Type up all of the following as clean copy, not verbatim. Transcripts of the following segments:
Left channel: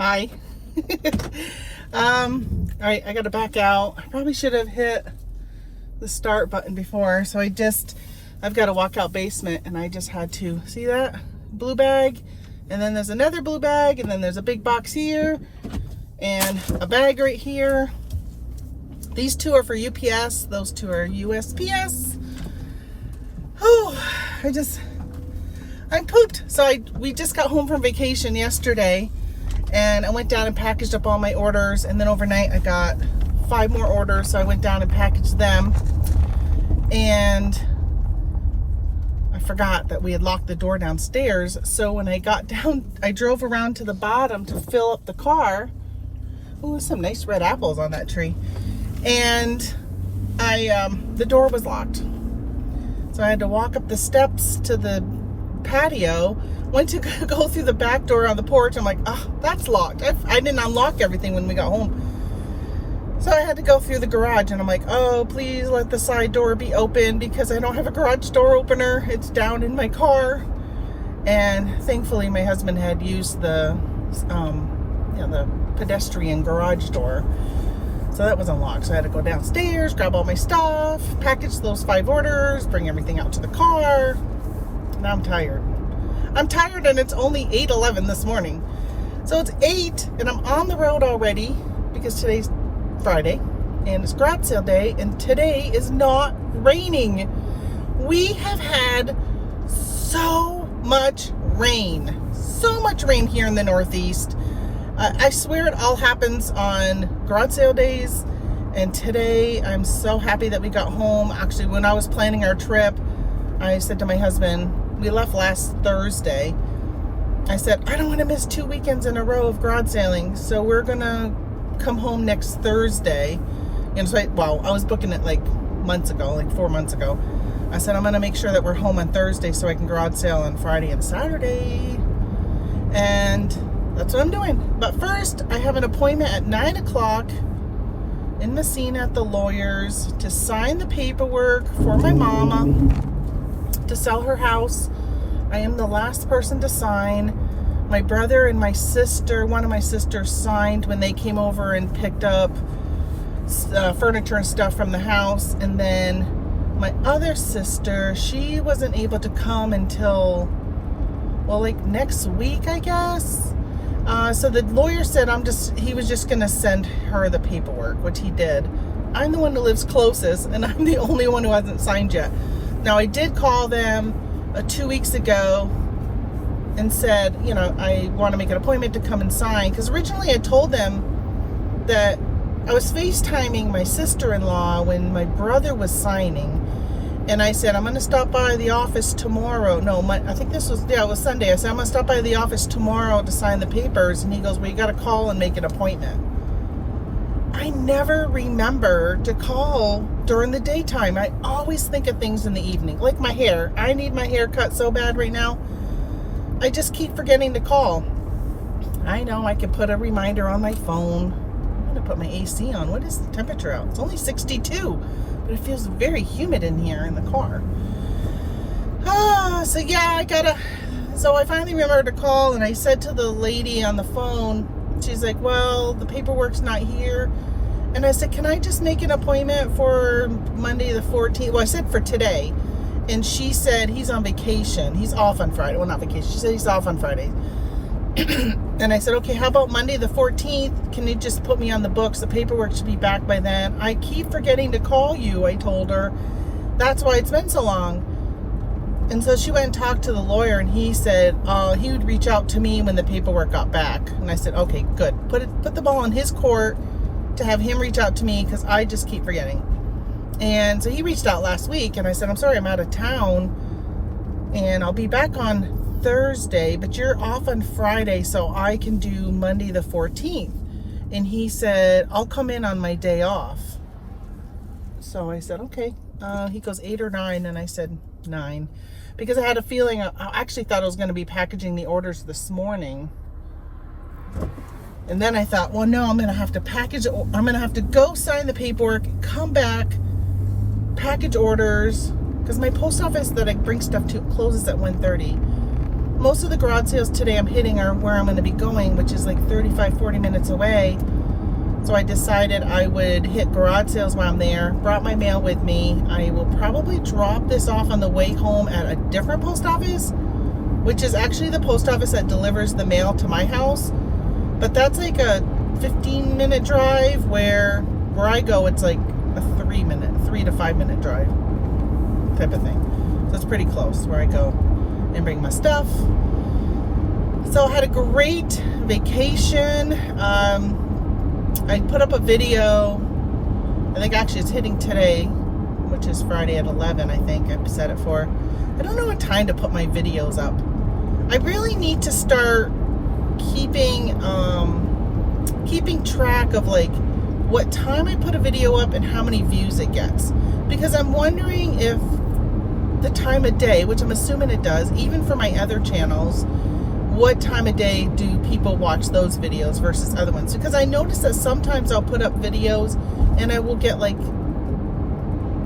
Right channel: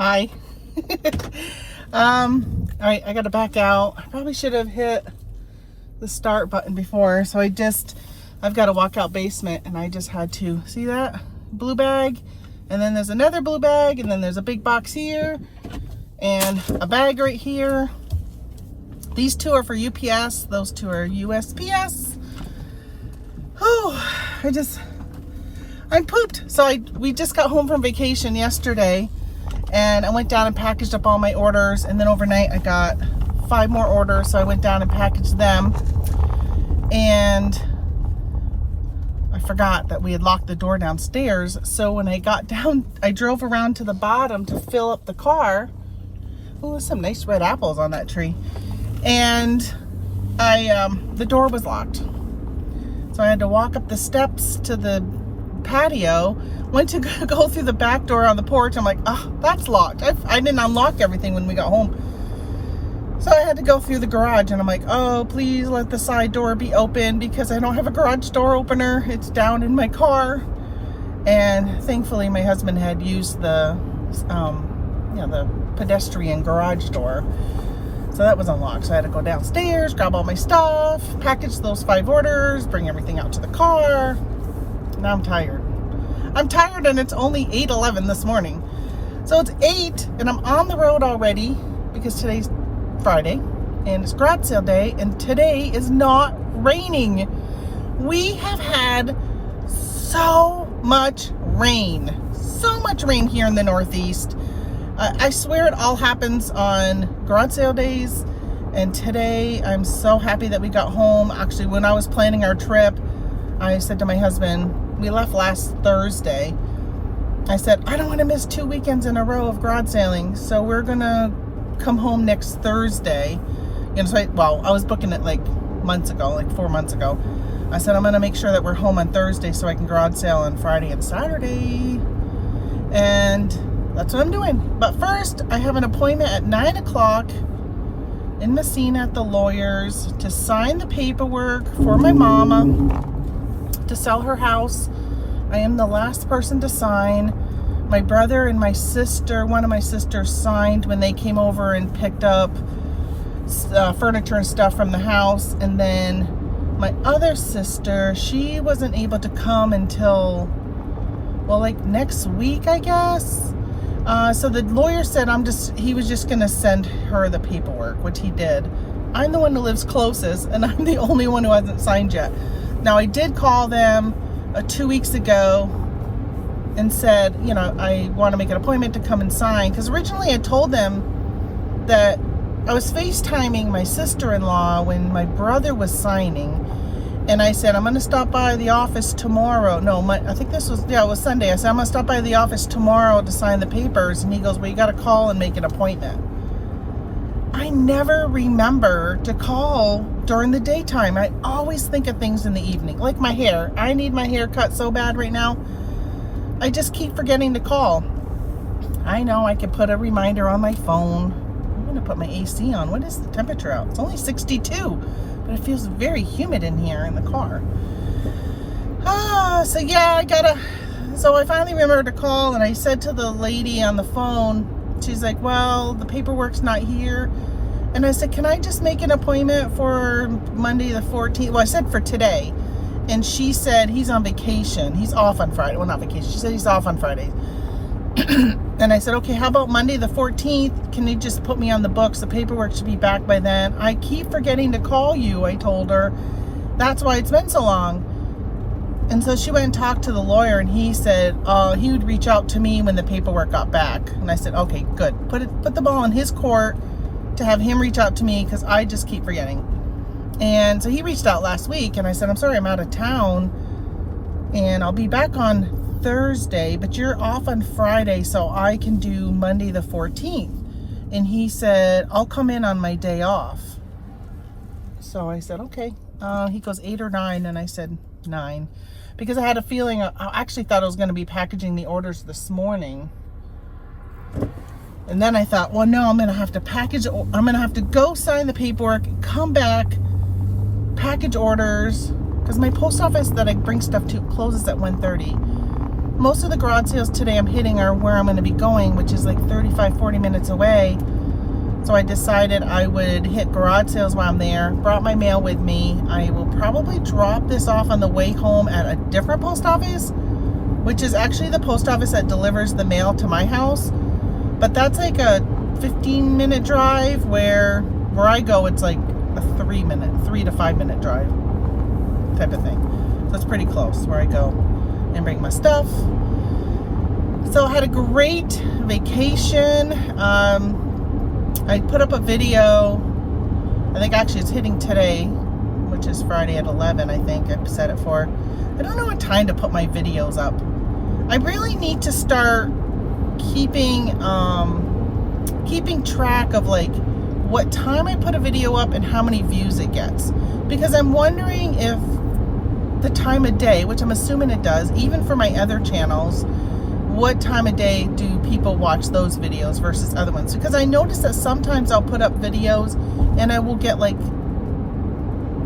Hi. All right, I gotta back out. I probably should have hit the start button before. So I've got a walkout basement, and I just had to see that blue bag, and then there's another blue bag, and then there's a big box here, and a bag right here. These two are for UPS. Those two are USPS. Oh, I'm pooped. So we just got home from vacation yesterday, and I went down and packaged up all my orders, and then overnight I got 5 more orders, so I went down and packaged them, and I forgot that we had locked the door downstairs. So when I got down, I drove around to the bottom to fill up the car. Oh, there's some nice red apples on that tree. And the door was locked. So I had to walk up the steps to the patio, went to go through the back door on the porch. I'm like, oh, that's locked. I didn't unlock everything when we got home. So I had to go through the garage, and I'm like, oh, please let the side door be open because I don't have a garage door opener. It's down in my car. And thankfully my husband had used the pedestrian garage door. So that was unlocked. So I had to go downstairs, grab all my stuff, package those 5 orders, bring everything out to the car. Now I'm tired. And it's only 8:11 this morning. So it's 8 and I'm on the road already because today's Friday and it's garage sale day, and today is not raining. We have had so much rain here in the Northeast. I swear it all happens on garage sale days, and today I'm so happy that we got home. Actually, when I was planning our trip, I said to my husband, we left last Thursday, I said, I don't want to miss 2 weekends in a row of garage sailing, so we're gonna come home next Thursday. And so I was booking it like 4 months ago. I said, I'm gonna make sure that we're home on Thursday so I can garage sale on Friday and Saturday. And that's what I'm doing. But first, I have an appointment at 9 o'clock in Messina at the lawyer's to sign the paperwork for my mama to sell her house. I am the last person to sign. My brother and my sister, one of my sisters, signed when they came over and picked up furniture and stuff from the house. And then my other sister, she wasn't able to come until, next week, I guess. So the lawyer said he was just gonna send her the paperwork, which he did. I'm the one who lives closest, and I'm the only one who hasn't signed yet. Now, I did call them 2 weeks ago and said, I want to make an appointment to come and sign, because originally I told them that I was FaceTiming my sister-in-law when my brother was signing. And I said, I'm going to stop by the office tomorrow. No, I think it was Sunday. I said, I'm going to stop by the office tomorrow to sign the papers. And he goes, well, you got to call and make an appointment. I never remember to call during the daytime. I always think of things in the evening. Like my hair. I need my hair cut so bad right now. I just keep forgetting to call. I know I could put a reminder on my phone. I'm going to put my AC on. What is the temperature out? It's only 62. But it feels very humid in here in the car. So yeah, so I finally remembered to call, and I said to the lady on the phone, she's like, well, the paperwork's not here. And I said, can I just make an appointment for Monday the 14th? Well, I said for today. And she said he's on vacation. He's off on Friday. Well, not vacation. She said he's off on Friday. And I said, okay, how about Monday the 14th? Can you just put me on the books? The paperwork should be back by then. I keep forgetting to call you, I told her. That's why it's been so long. And so she went and talked to the lawyer, and he said he would reach out to me when the paperwork got back. And I said, okay, good. Put the ball in his court to have him reach out to me, because I just keep forgetting. And so he reached out last week, and I said, I'm sorry, I'm out of town, and I'll be back on Thursday, but you're off on Friday, so I can do Monday the 14th. And he said, I'll come in on my day off. So I said, okay. He goes 8 or 9, and I said 9. Because I had a feeling, I actually thought I was going to be packaging the orders this morning. And then I thought, well, no, I'm going to have to package, I'm going to have to go sign the paperwork, come back, package orders, because my post office that I bring stuff to closes at 1:30. most of the garage sales today I'm hitting are where I'm going to be going, which is like 35-40 minutes away. So I decided I would hit garage sales while I'm there. Brought my mail with me. I will probably drop this off on the way home at a different post office, which is actually the post office that delivers the mail to my house. But that's like a 15-minute drive, where I go, it's like a 3 to 5 minute drive type of thing. So it's pretty close where I go and bring my stuff. So I had a great vacation. I put up a video, I think actually it's hitting today, which is Friday at 11, I think I've set it for. I don't know what time to put my videos up. I really need to start keeping track of like what time I put a video up and how many views it gets. Because I'm wondering if the time of day, which I'm assuming it does, even for my other channels, what time of day do people watch those videos versus other ones? Because I notice that sometimes I'll put up videos and I will get like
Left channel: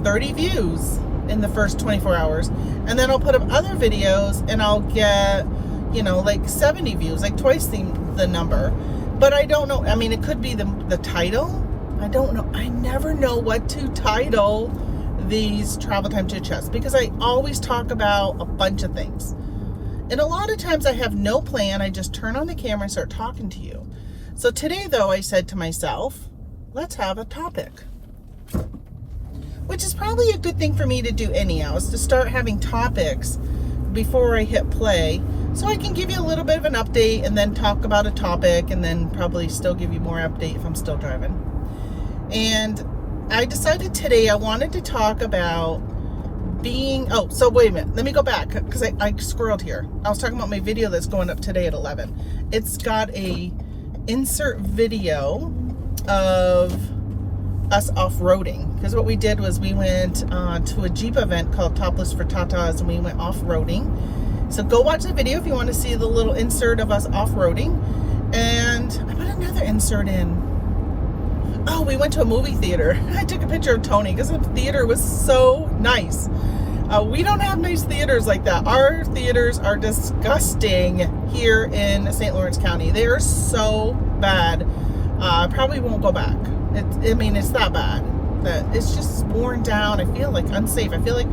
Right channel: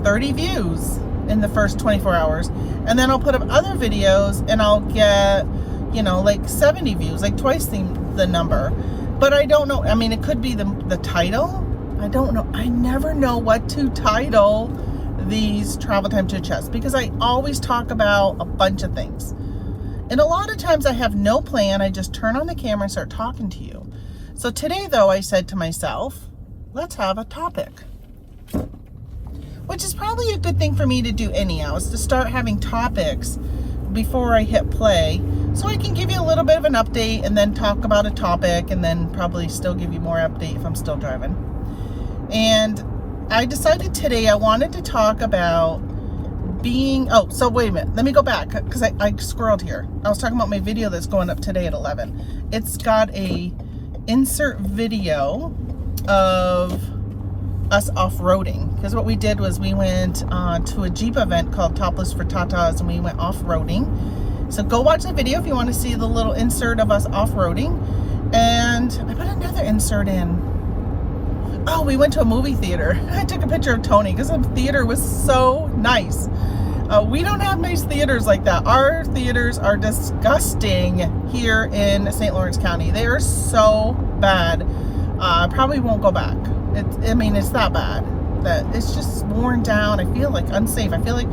30 views in the first 24 hours. And then I'll put up other videos and I'll get, you know, like 70 views, like twice the number. But I don't know. I mean, it could be the title. I don't know. I never know what to title these travel time chit chats, because I always talk about a bunch of things. And a lot of times I have no plan. I just turn on the camera and start talking to you. So today, though, I said to myself, let's have a topic. Which is probably a good thing for me to do anyhow, is to start having topics before I hit play, so I can give you a little bit of an update and then talk about a topic, and then probably still give you more update if I'm still driving. And I decided today I wanted to talk about so wait a minute, let me go back, because I scrolled here. I was talking about my video that's going up today at 11. It's got a insert video of us off-roading, because what we did was we went to a Jeep event called Topless for Tatas, and we went off-roading. So go watch that video if you want to see the little insert of us off-roading. And I put another insert in. Oh, we went to a movie theater. I took a picture of Tony because the theater was so nice. We don't have nice theaters like that. Our theaters are disgusting here in St. Lawrence County. They are so bad. I probably won't go back. It's that bad. That it's just worn down. I feel like unsafe. I felt like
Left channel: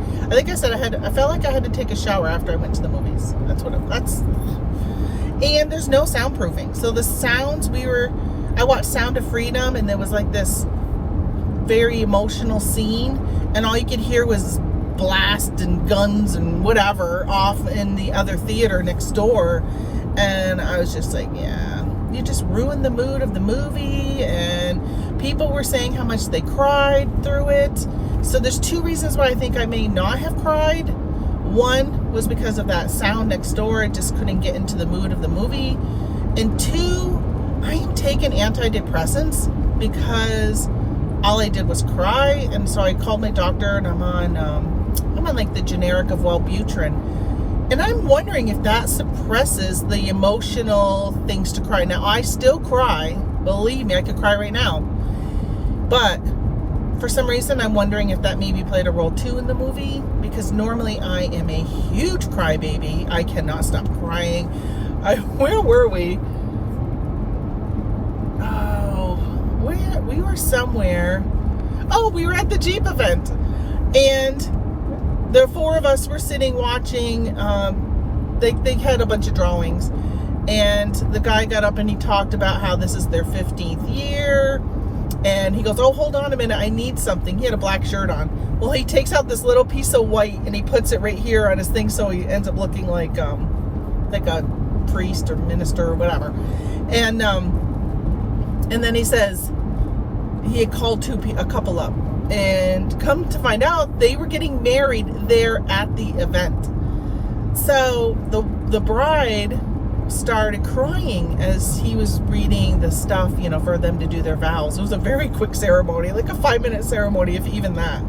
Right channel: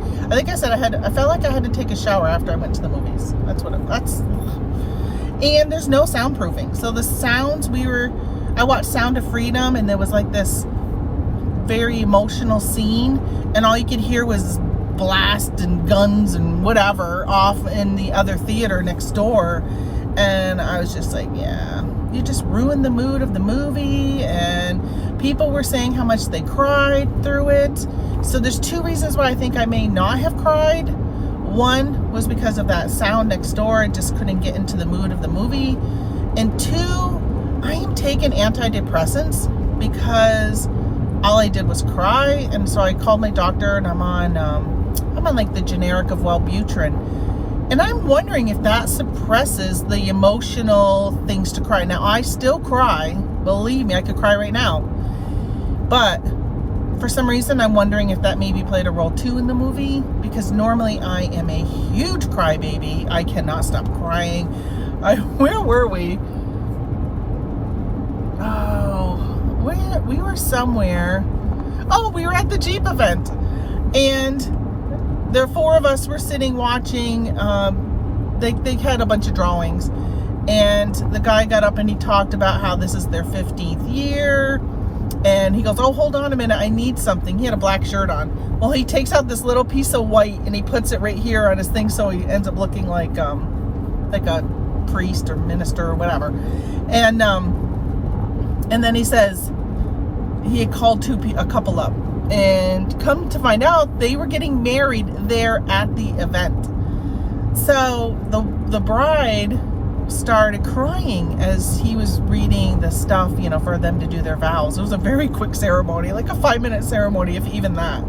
I had to take a shower after I went to the movies. And there's no soundproofing. So the sounds I watched Sound of Freedom, and there was like this very emotional scene, and all you could hear was blast and guns and whatever off in the other theater next door. And I was just like, yeah, you just ruined the mood of the movie. And people were saying how much they cried through it. So there's two reasons why I think I may not have cried. One was because of that sound next door. I just couldn't get into the mood of the movie. And two, I am taking antidepressants because all I did was cry. And so I called my doctor, and I'm on like the generic of Wellbutrin. And I'm wondering if that suppresses the emotional things to cry. Now, I still cry. Believe me, I could cry right now. But for some reason, I'm wondering if that maybe played a role too in the movie. Because normally I am a huge crybaby. I cannot stop crying. Where were we? We were somewhere. Oh, we were at the Jeep event. And the four of us were sitting watching. They had a bunch of drawings. And the guy got up and he talked about how this is their 15th year. And he goes, oh, hold on a minute, I need something. He had a black shirt on. Well, he takes out this little piece of white and he puts it right here on his thing, so he ends up looking like a priest or minister or whatever. And then he says he had called a couple up, and come to find out they were getting married there at the event. So the bride started crying as he was reading the stuff, for them to do their vows. It was a very quick ceremony, like a 5-minute ceremony, if even that.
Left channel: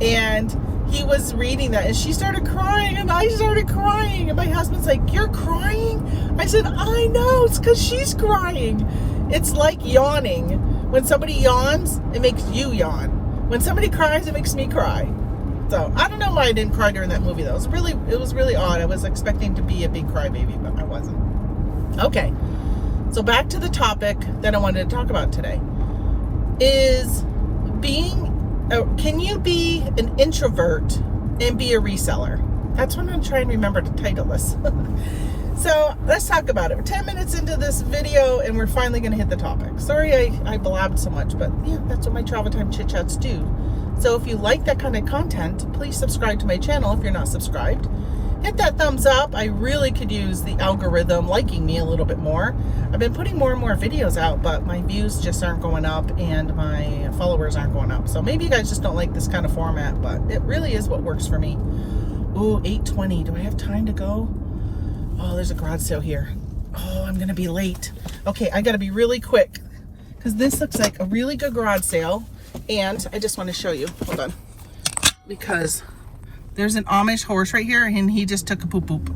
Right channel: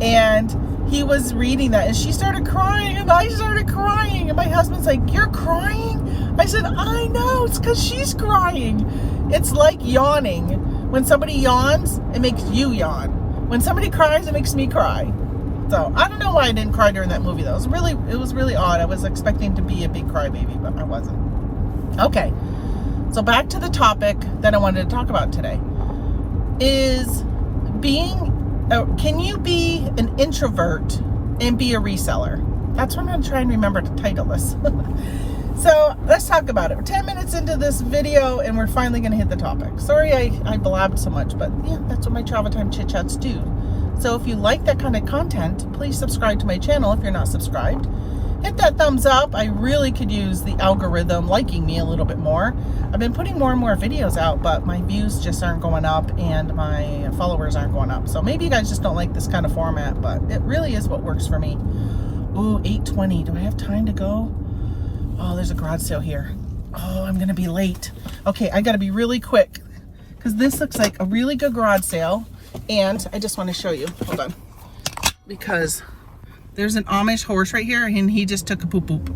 And he was reading that, and she started crying, and I started crying, and my husband's like, you're crying? I said, I know, it's because she's crying. It's like yawning. When somebody yawns, it makes you yawn. When somebody cries, it makes me cry. So I don't know why I didn't cry during that movie though. It was really odd. I was expecting to be a big crybaby, but I wasn't. Okay, so back to the topic that I wanted to talk about today is can you be an introvert and be a reseller? That's what I'm trying to remember to title this. So let's talk about it. We're 10 minutes into this video and we're finally going to hit the topic. Sorry I blabbed so much, but yeah, that's what my travel time chit chats do. So if you like that kind of content, please subscribe to my channel if you're not subscribed. Hit that thumbs up. I really could use the algorithm liking me a little bit more. I've been putting more and more videos out, but my views just aren't going up and my followers aren't going up. So maybe you guys just don't like this kind of format, but it really is what works for me. Ooh, 8:20. Do I have time to go? Oh, there's a garage sale here. Oh, I'm going to be late. Okay, I got to be really quick because this looks like a really good garage sale. And I just want to show you. Hold on. Because there's an Amish horse right here and he just took a poop poop.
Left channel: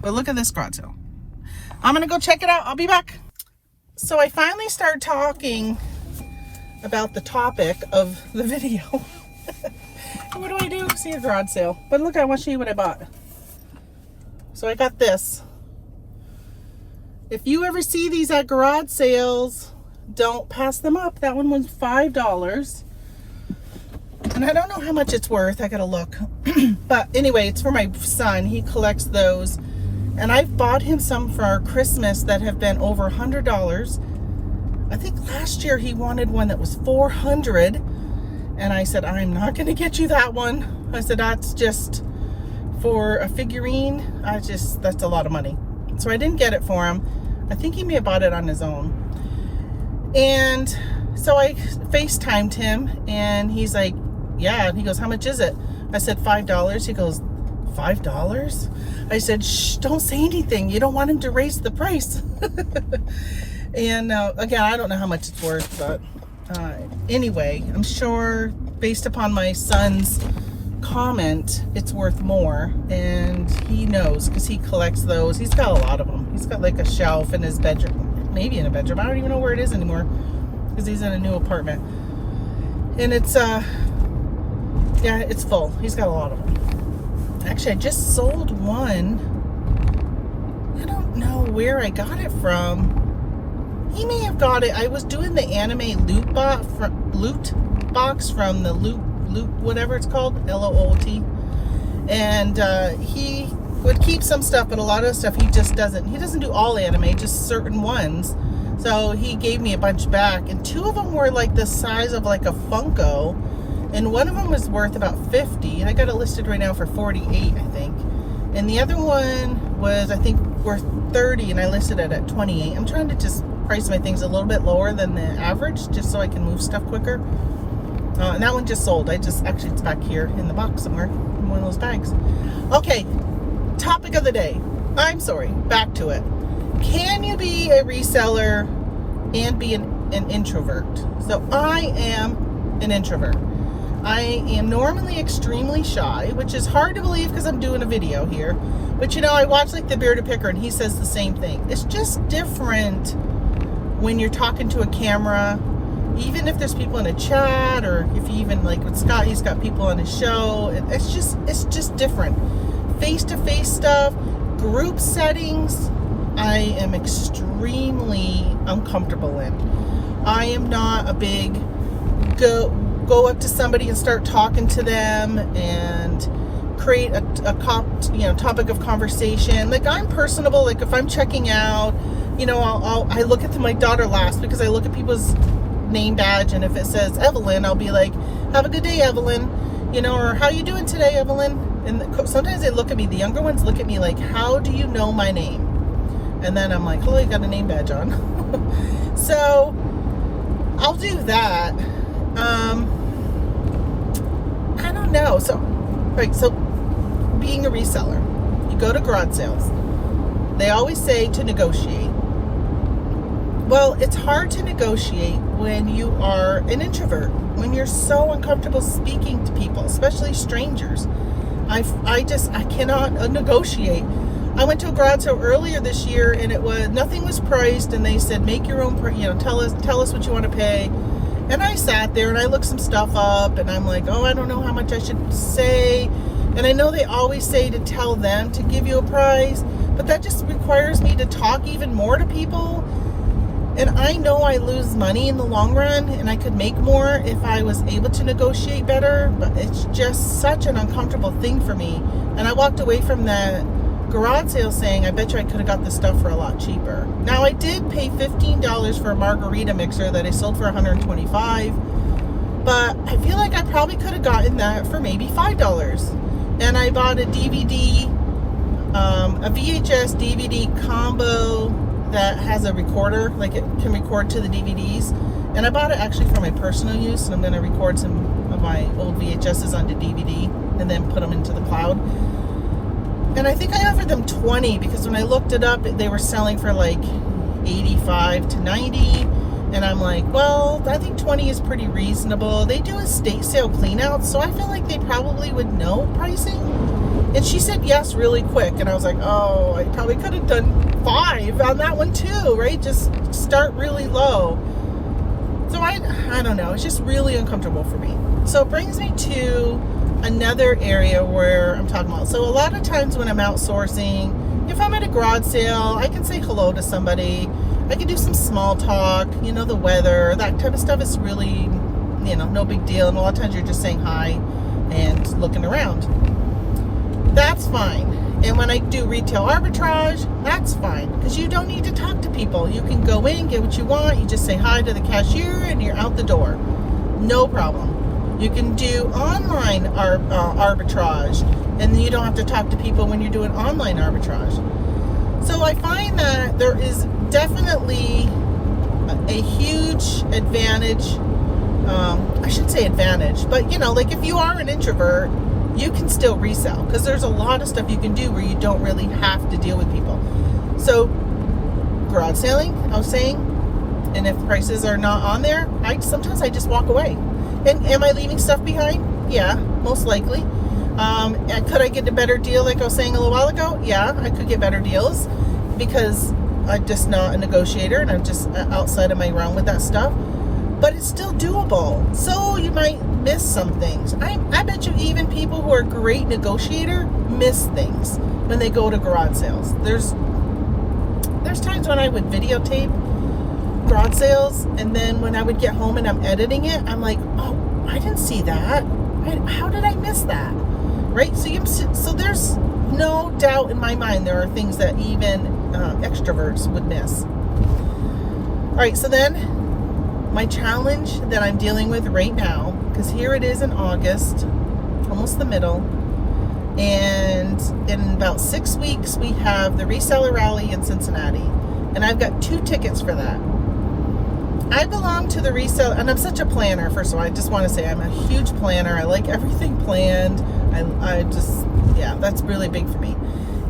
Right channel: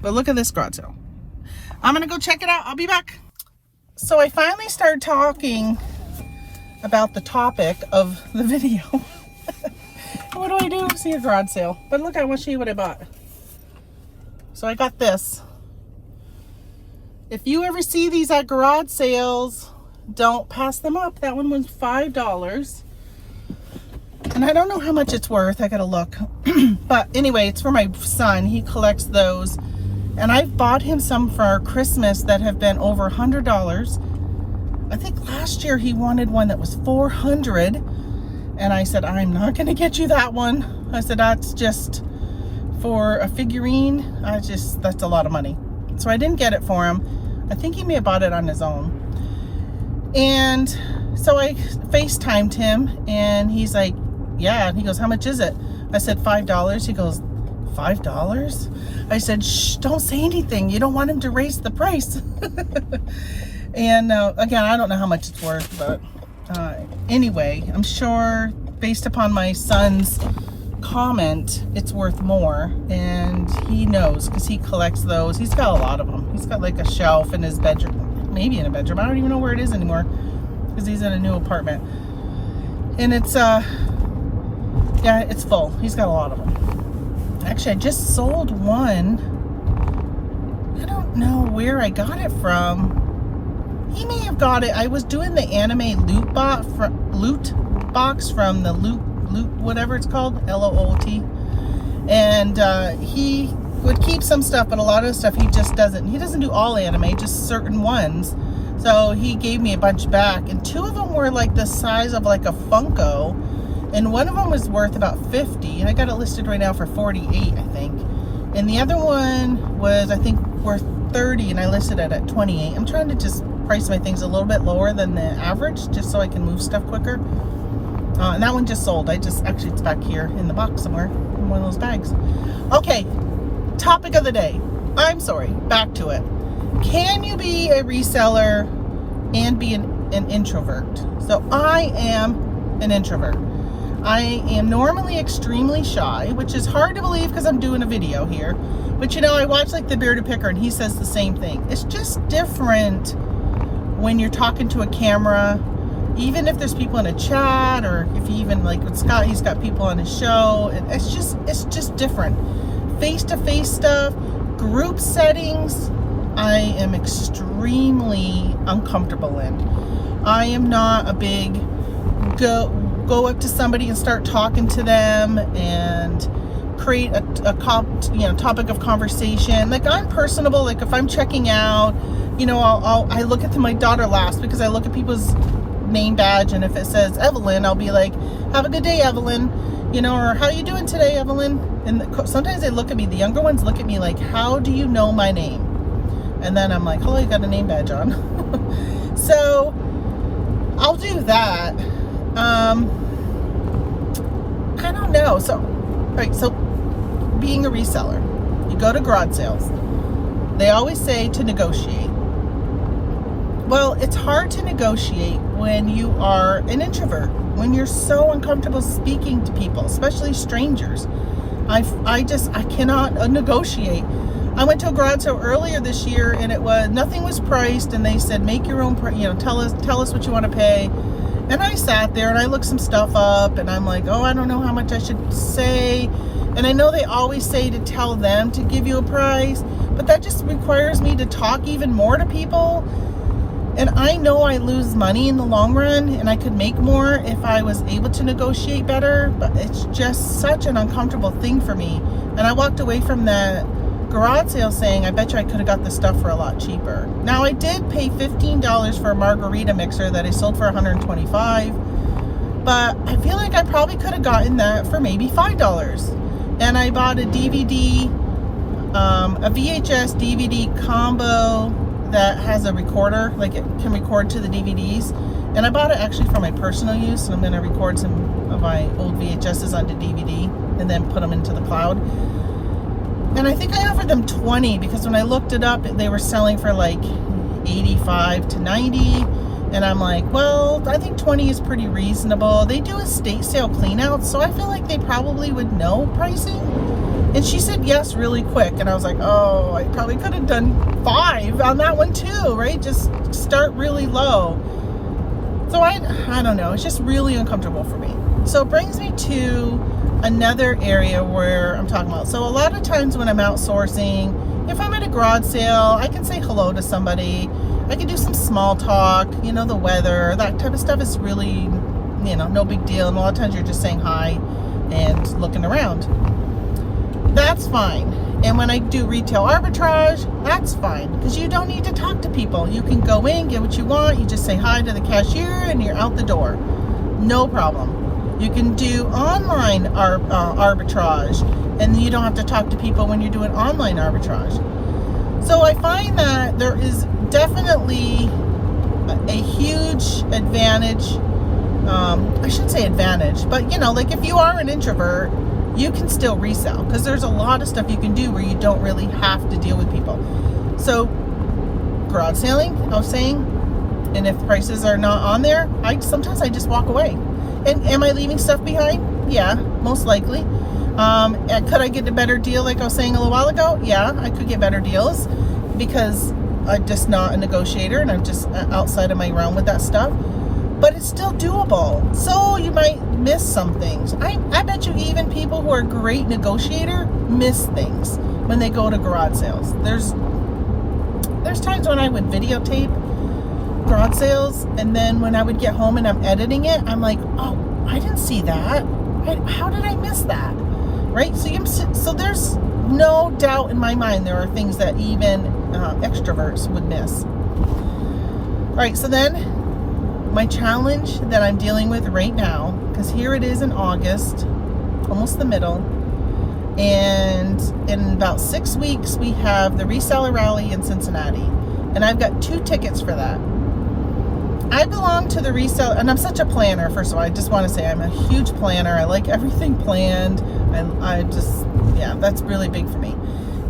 But look at this garage sale. I'm going to go check it out. I'll be back. So I finally started talking about the topic of the video. What do I do? See a garage sale. But look, I want to show you what I bought. So I got this. If you ever see these at garage sales, don't pass them up. That one was $5. And I don't know how much it's worth. I gotta look. But anyway, it's for my son. He collects those. And I bought him some for Christmas that have been over $100. I think last year he wanted one that was $400. And I said, I'm not gonna get you that one. I said, that's just for a figurine. That's a lot of money. So I didn't get it for him. I think he may have bought it on his own. And so I FaceTimed him and he's like, yeah. And he goes, how much is it? I said, $5. He goes, $5? I said, shh, don't say anything. You don't want him to raise the price. And again, I don't know how much it's worth, but anyway, I'm sure based upon my son's comment, it's worth more. And he knows because he collects those. He's got a lot of them. He's got like a shelf in his bedroom, maybe in a bedroom. I don't even know where it is anymore because he's in a new apartment. And it's yeah, it's full. He's got a lot of them. Actually, I just sold one. I don't know where I got it from. He may have got it. I was doing the anime loot box from the loot whatever it's called, LOOT. And he would keep some stuff, but a lot of the stuff he just doesn't. He doesn't do all anime, just certain ones. So he gave me a bunch back, and two of them were like the size of like a Funko, and one of them was worth about $50. I got it listed right now for $48, I think. And the other one was, I think, worth $30, and I listed it at $28. I'm trying to just price my things a little bit lower than the average, just so I can move stuff quicker. And that one just sold. Actually, it's back here in the box somewhere, in one of those bags. Okay, topic of the day. I'm sorry, back to it. Can you be a reseller and be an introvert? So I am an introvert. I am normally extremely shy, which is hard to believe because I'm doing a video here. But you know, I watch like the Bearded Picker and he says the same thing. It's just different when you're talking to a camera, even if there's people in a chat, or if you even like with Scott, he's got people on his show. It's just different. Face-to-face stuff, group settings, I am extremely uncomfortable in. I am not a big go up to somebody and start talking to them and create a topic of conversation. Like, I'm personable. Like, if I'm checking out, you know, I look at my daughter last because I look at people's name badge, and if it says Evelyn, I'll be like, have a good day, Evelyn, you know, or how you doing today, Evelyn? And sometimes they look at me, the younger ones look at me like, how do you know my name? And then I'm like, oh, I got a name badge on. So I'll do that. I don't know. So, right, so being a reseller, you go to garage sales. They always say to negotiate. Well, it's hard to negotiate when you are an introvert, when you're so uncomfortable speaking to people, especially strangers. I cannot negotiate. I went to a garage sale earlier this year, and nothing was priced, and they said, make your own, tell us what you want to pay. And I sat there and I looked some stuff up and I'm like, oh, I don't know how much I should say. And I know they always say to tell them to give you a price, but that just requires me to talk even more to people. And I know I lose money in the long run and I could make more if I was able to negotiate better, but it's just such an uncomfortable thing for me. And I walked away from that garage sale saying, I bet you I could have got this stuff for a lot cheaper. Now I did pay $15 for a margarita mixer that I sold for $125, but I feel like I probably could have gotten that for maybe $5. And I bought a DVD, a VHS DVD combo that has a recorder, like it can record to the DVDs. And I bought it actually for my personal use, and I'm going to record some of my old VHSs onto DVD and then put them into the cloud. And I think I offered them 20 because when I looked it up, they were selling for like 85 to 90. And I'm like, well, I think 20 is pretty reasonable. They do estate sale cleanouts, so I feel like they probably would know pricing. And she said yes really quick. And I was like, oh, I probably could have done 5 on that one too, right? Just start really low. So I don't know. It's just really uncomfortable for me. So it brings me to another area where I'm talking about. So a lot of times when I'm outsourcing, if I'm at a garage sale, I can say hello to somebody. I can do some small talk, you know, the weather, that type of stuff is really, you know, no big deal. And a lot of times you're just saying hi and looking around. That's fine. And when I do retail arbitrage, that's fine because you don't need to talk to people. You can go in, get what you want. You just say hi to the cashier and you're out the door. No problem. You can do online arbitrage, and you don't have to talk to people when you're doing online arbitrage. So I find that there is definitely a huge advantage. I shouldn't say advantage, but you know, like if you are an introvert, you can still resell because there's a lot of stuff you can do where you don't really have to deal with people. So garage selling, I was saying, and if prices are not on there, sometimes I just walk away. And am I leaving stuff behind? Yeah, most likely. And could I get a better deal like I was saying a little while ago? Yeah, I could get better deals because I'm just not a negotiator and I'm just outside of my realm with that stuff. But it's still doable. So you might miss some things. I bet you even people who are great negotiator miss things when they go to garage sales. There's times when I would videotape garage sales, and then when I would get home and I'm editing it, I'm like, oh, I didn't see that. How did I miss that? Right? So there's no doubt in my mind there are things that even extroverts would miss. All right, so then my challenge that I'm dealing with right now, because here it is in August, almost the middle, and in about 6 weeks we have the Reseller Rally in Cincinnati, and I've got 2 tickets for that. I belong to the Reseller, and I'm such a planner. First of all, I just want to say I'm a huge planner. I like everything planned. I just, yeah, that's really big for me.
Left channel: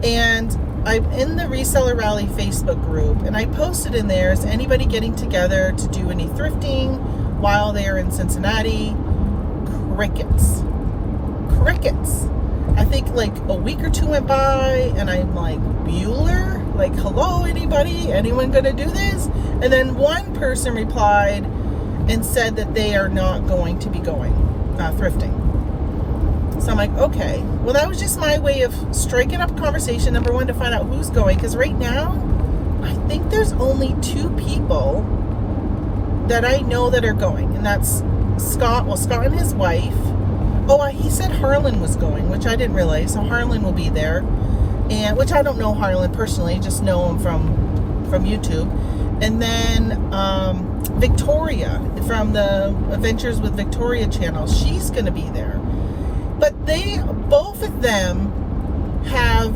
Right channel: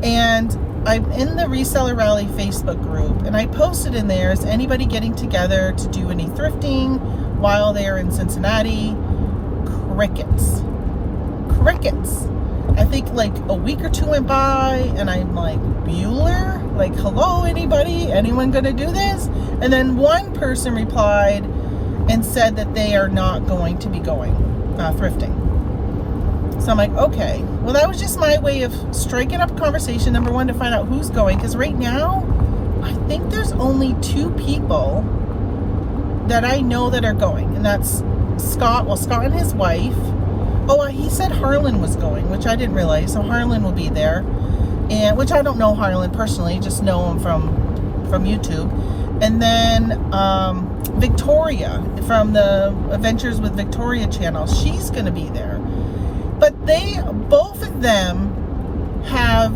And I'm in the Reseller Rally Facebook group, and I posted in there, is anybody getting together to do any thrifting while they're in Cincinnati? Crickets. I think like a week or 2 went by, and I'm like, Bueller? Like, hello, anybody? Anyone gonna do this? And then one person replied and said that they are not going to be going thrifting. So I'm like, okay. Well, that was just my way of striking up conversation, number one, to find out who's going. Because right now, I think there's only 2 people that I know that are going. And that's Scott and his wife. Oh, he said Harlan was going, which I didn't realize. So Harlan will be there. And which I don't know Harlan personally, just know him from YouTube. And then Victoria from the Adventures with Victoria channel, she's going to be there. But both of them have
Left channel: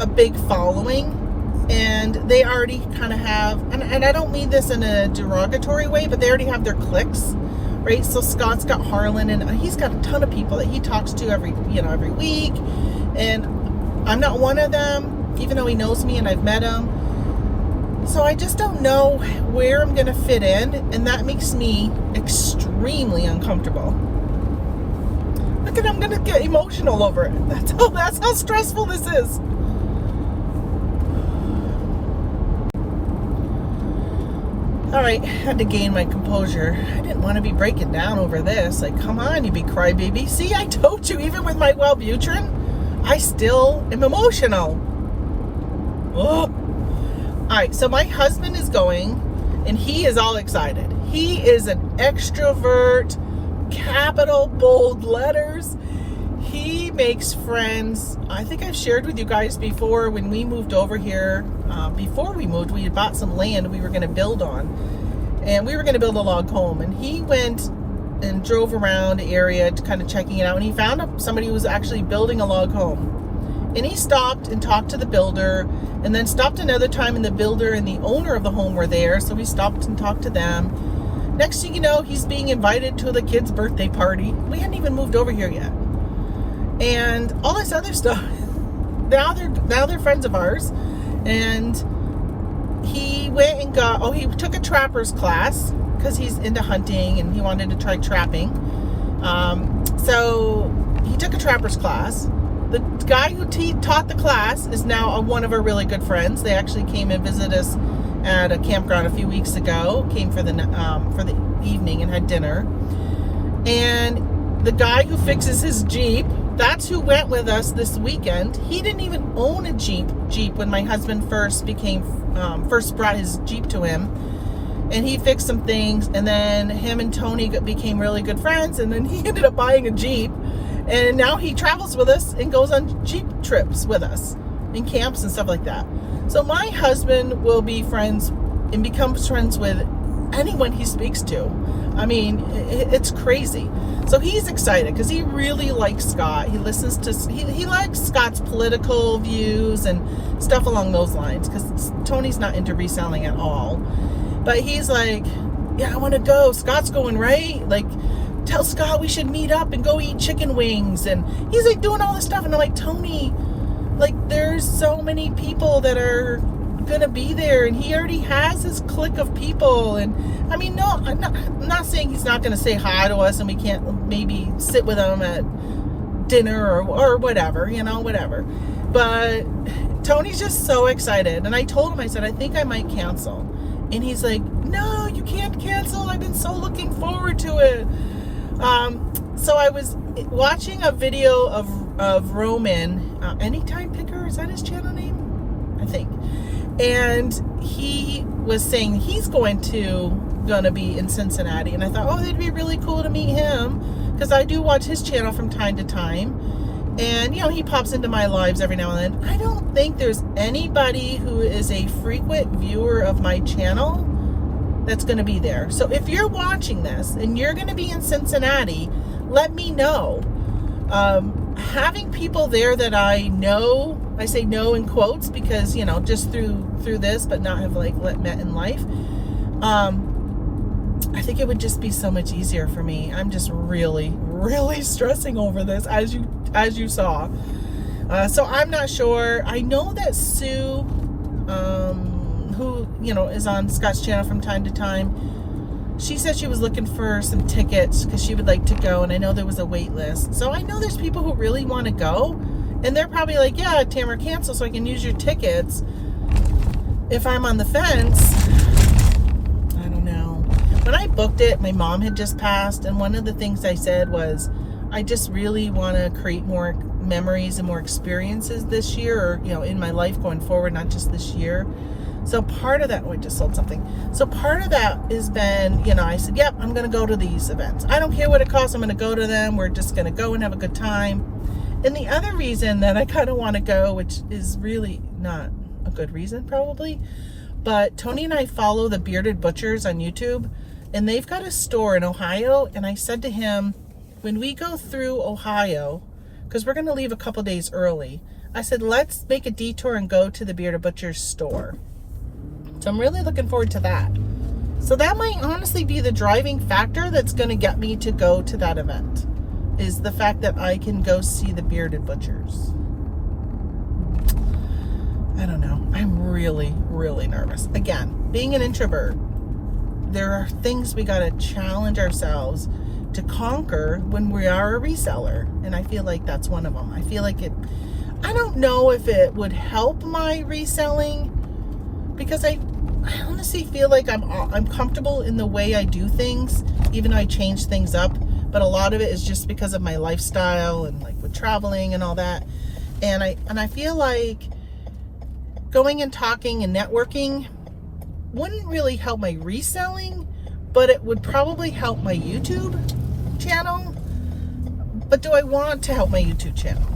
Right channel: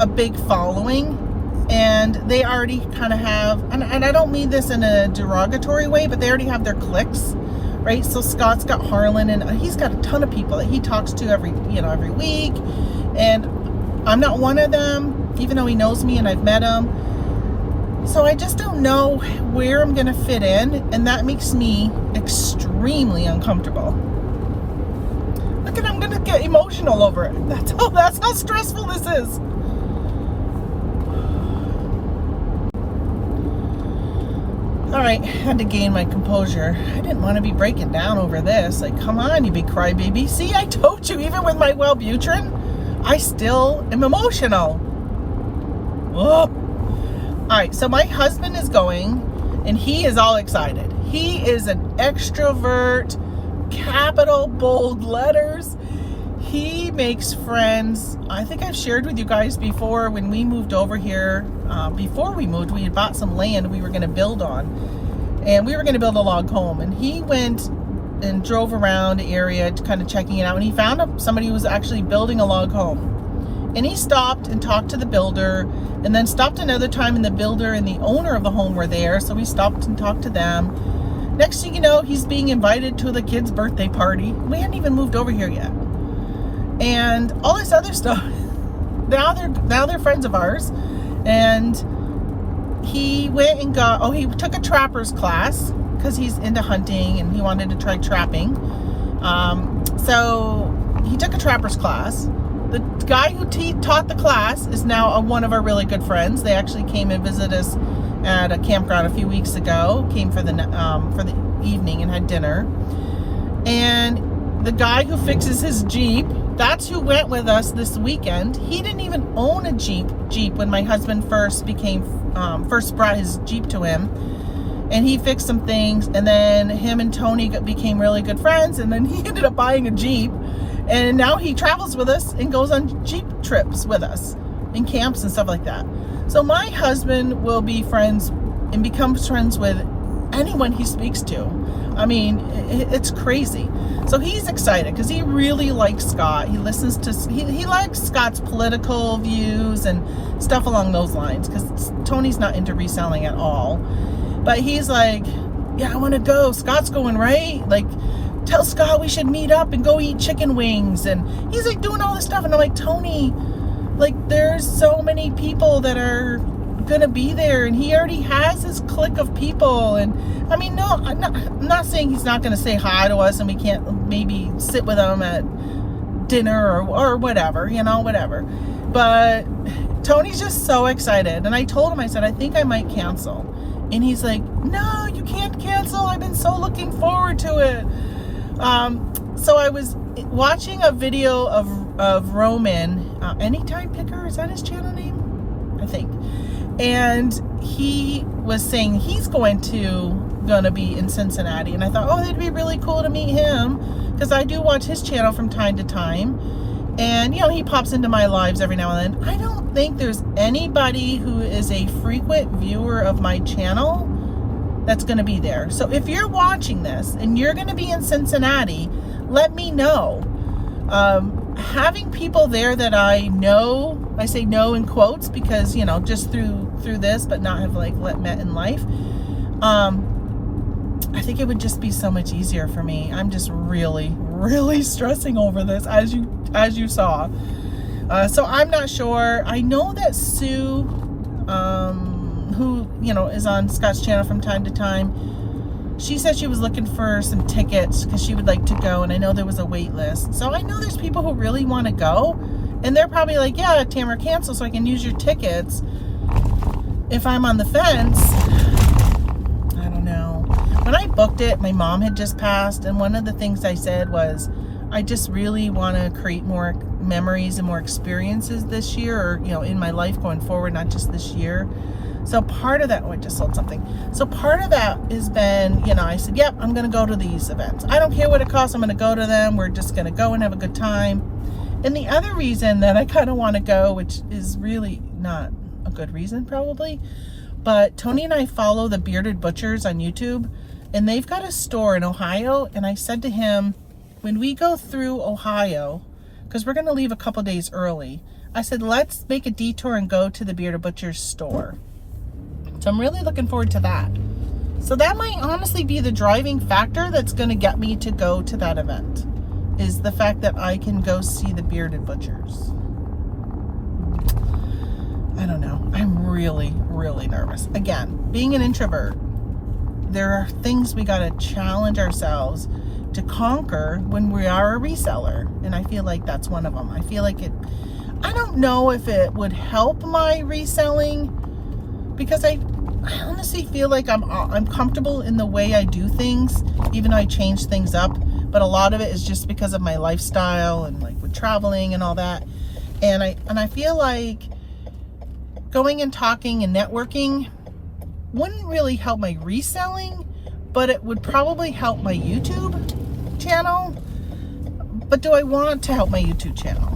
a big following, and they already kind of have, and I don't mean this in a derogatory way, but they already have their cliques, right? So Scott's got Harlan, and he's got a ton of people that he talks to every week, and I'm not one of them, even though he knows me and I've met him. So I just don't know where I'm going to fit in, and that makes me extremely uncomfortable. Look at, I'm going to get emotional over it. That's how stressful this is. All right, had to gain my composure. I didn't want to be breaking down over this. Like, come on, you big crybaby. See, I told you, even with my Wellbutrin, I still am emotional. Oh. All right, so my husband is going, and he is all excited. He is an extrovert, capital bold letters. He makes friends. I think I've shared with you guys before when we moved over here. Before we moved, we had bought some land we were going to build on. And we were going to build a log home. And he went and drove around the area kind of checking it out. And he found somebody who was actually building a log home. And he stopped and talked to the builder. And then stopped another time, and the builder and the owner of the home were there. So we stopped and talked to them. Next thing you know, he's being invited to the kid's birthday party. We hadn't even moved over here yet. And all this other stuff. Now they're friends of ours. And he went and he took a trapper's class because he's into hunting and he wanted to try trapping. So he took a trapper's class. The guy who taught the class is now one of our really good friends. They actually came and visited us at a campground a few weeks ago. Came for the evening and had dinner. And the guy who fixes his Jeep, that's who went with us this weekend. He didn't even own a Jeep when my husband first brought his Jeep to him. And he fixed some things, and then him and Tony became really good friends, and then he ended up buying a Jeep. And now he travels with us and goes on Jeep trips with us and camps and stuff like that. So my husband will be friends and becomes friends with anyone he speaks to. I mean, it's crazy. So he's excited because he really likes Scott. He listens to, he likes Scott's political views and stuff along those lines, because Tony's not into reselling at all. But he's like, yeah, I want to go. Scott's going, right? Like, tell Scott we should meet up and go eat chicken wings. And he's like doing all this stuff. And I'm like, Tony, like, there's so many people that are gonna be there, and he already has his clique of people. And I mean, no, I'm not saying he's not gonna say hi to us and we can't maybe sit with him at dinner or whatever, whatever. But Tony's just so excited. And I told him, I said, I think I might cancel. And he's like, no, you can't cancel. I've been so looking forward to it. So I was watching a video of Roman, Anytime Picker, is that his channel name? I think. And he was saying he's gonna be in Cincinnati. And I thought, oh, it'd be really cool to meet him, because I do watch his channel from time to time. And, he pops into my lives every now and then. I don't think there's anybody who is a frequent viewer of my channel that's going to be there. So if you're watching this and you're going to be in Cincinnati, let me know. Having people there that I know, I say know in quotes because, just through this, but not have met in life. I think it would just be so much easier for me. I'm just really, really stressing over this, as you saw. So I'm not sure. I know that Sue, who, is on Scott's channel from time to time, she said she was looking for some tickets because she would like to go, and I know there was a wait list. So I know there's people who really want to go, and they're probably like, yeah, Tamara, cancel so I can use your tickets. If I'm on the fence, I don't know. When I booked it, my mom had just passed, and one of the things I said was, I just really want to create more memories and more experiences this year, or, in my life going forward, not just this year. So part of that, I just sold something. So part of that has been, I said, yep, I'm going to go to these events. I don't care what it costs. I'm going to go to them. We're just going to go and have a good time. And the other reason that I kind of want to go, which is really not a good reason probably, but Tony and I follow the Bearded Butchers on YouTube, and they've got a store in Ohio. And I said to him, when we go through Ohio, because we're going to leave a couple days early, I said, let's make a detour and go to the Bearded Butchers store. So I'm really looking forward to that. So that might honestly be the driving factor that's going to get me to go to that event, is the fact that I can go see the Bearded Butchers. I don't know. I'm really, really nervous. Again, being an introvert, there are things we got to challenge ourselves to conquer when we are a reseller. And I feel like that's one of them. I feel like I don't know if it would help my reselling, because I honestly feel like I'm comfortable in the way I do things, even though I change things up. But a lot of it is just because of my lifestyle and like with traveling and all that. And I feel like going and talking and networking wouldn't really help my reselling, but it would probably help my YouTube channel. But do I want to help my YouTube channel?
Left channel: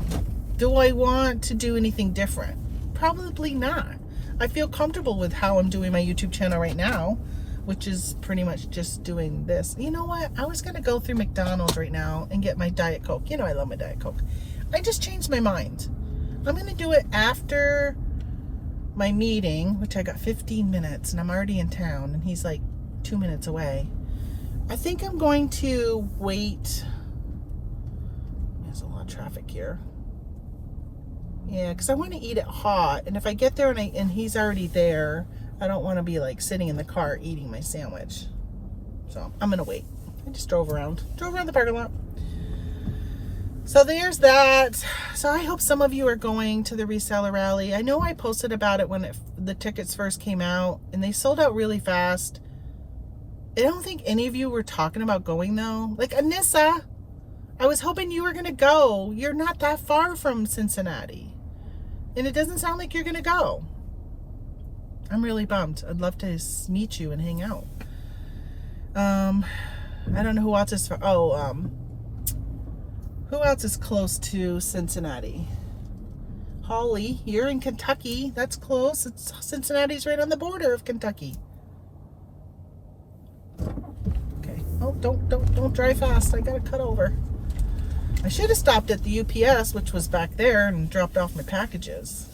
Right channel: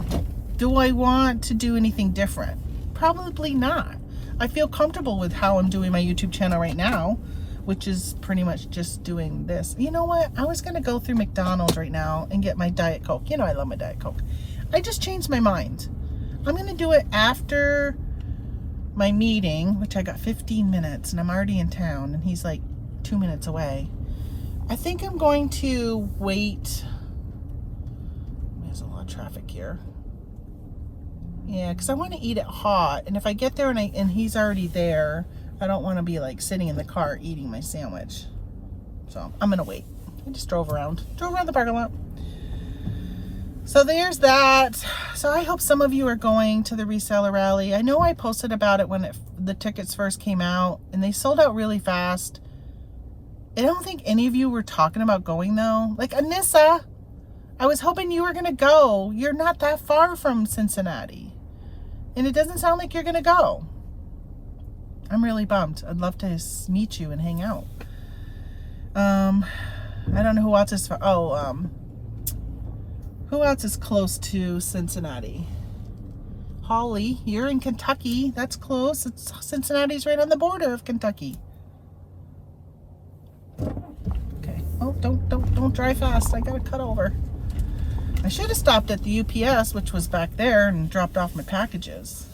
Do I want to do anything different? Probably not. I feel comfortable with how I'm doing my YouTube channel right now, which is pretty much just doing this. You know what? I was going to go through McDonald's right now and get my Diet Coke. You know I love my Diet Coke. I just changed my mind. I'm going to do it after my meeting, which I got 15 minutes, and I'm already in town, and he's like 2 minutes away. I think I'm going to wait. There's a lot of traffic here. Yeah, because I want to eat it hot, and if I get there and he's already there, I don't want to be like sitting in the car eating my sandwich. So I'm gonna wait. I just drove around the parking lot. So there's that. So I hope some of you are going to the reseller rally. I know I posted about it when the tickets first came out, and they sold out really fast. I don't think any of you were talking about going though. Like Anissa, I was hoping you were gonna go. You're not that far from Cincinnati, and it doesn't sound like you're gonna go. I'm really bummed. I'd love to meet you and hang out. I don't know who else is who else is close to Cincinnati? Holly, you're in Kentucky. That's close. Cincinnati's right on the border of Kentucky. Okay. Oh, don't drive fast. I gotta cut over. I should have stopped at the UPS, which was back there, and dropped off my packages.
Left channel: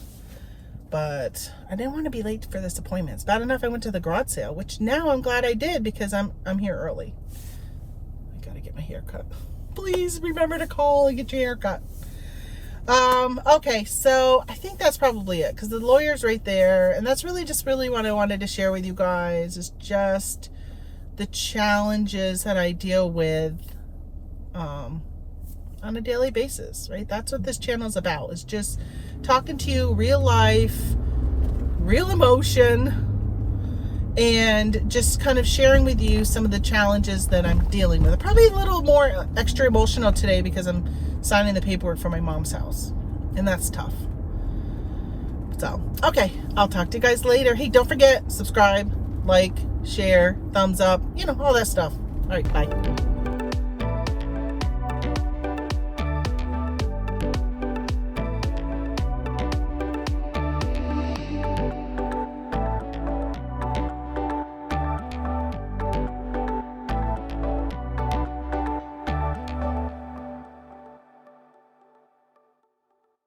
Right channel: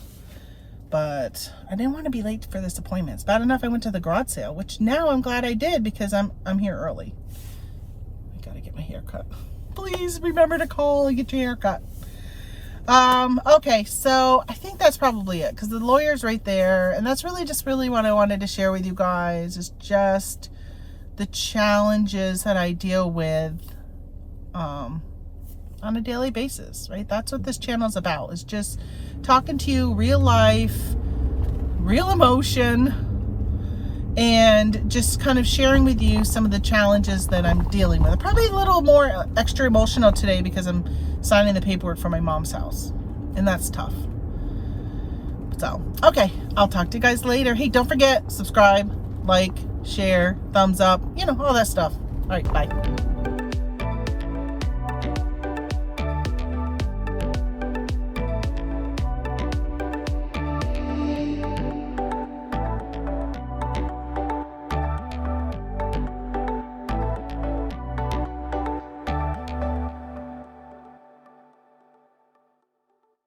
But I didn't want to be late for this appointment. It's bad enough I went to the garage sale, which now I'm glad I did because I'm here early. I gotta get my hair cut. Please remember to call and get your hair cut. Okay, so I think that's probably it because the lawyer's right there, and that's really what I wanted to share with you guys is just the challenges that I deal with on a daily basis, right? That's what this channel is about, is just talking to you real life, real emotion, and just kind of sharing with you some of the challenges that I'm dealing with. Probably a little more extra emotional today because I'm signing the paperwork for my mom's house, and that's tough. So, okay, I'll talk to you guys later. Hey, don't forget, subscribe, like, share, thumbs up, you know, all that stuff. All right, bye.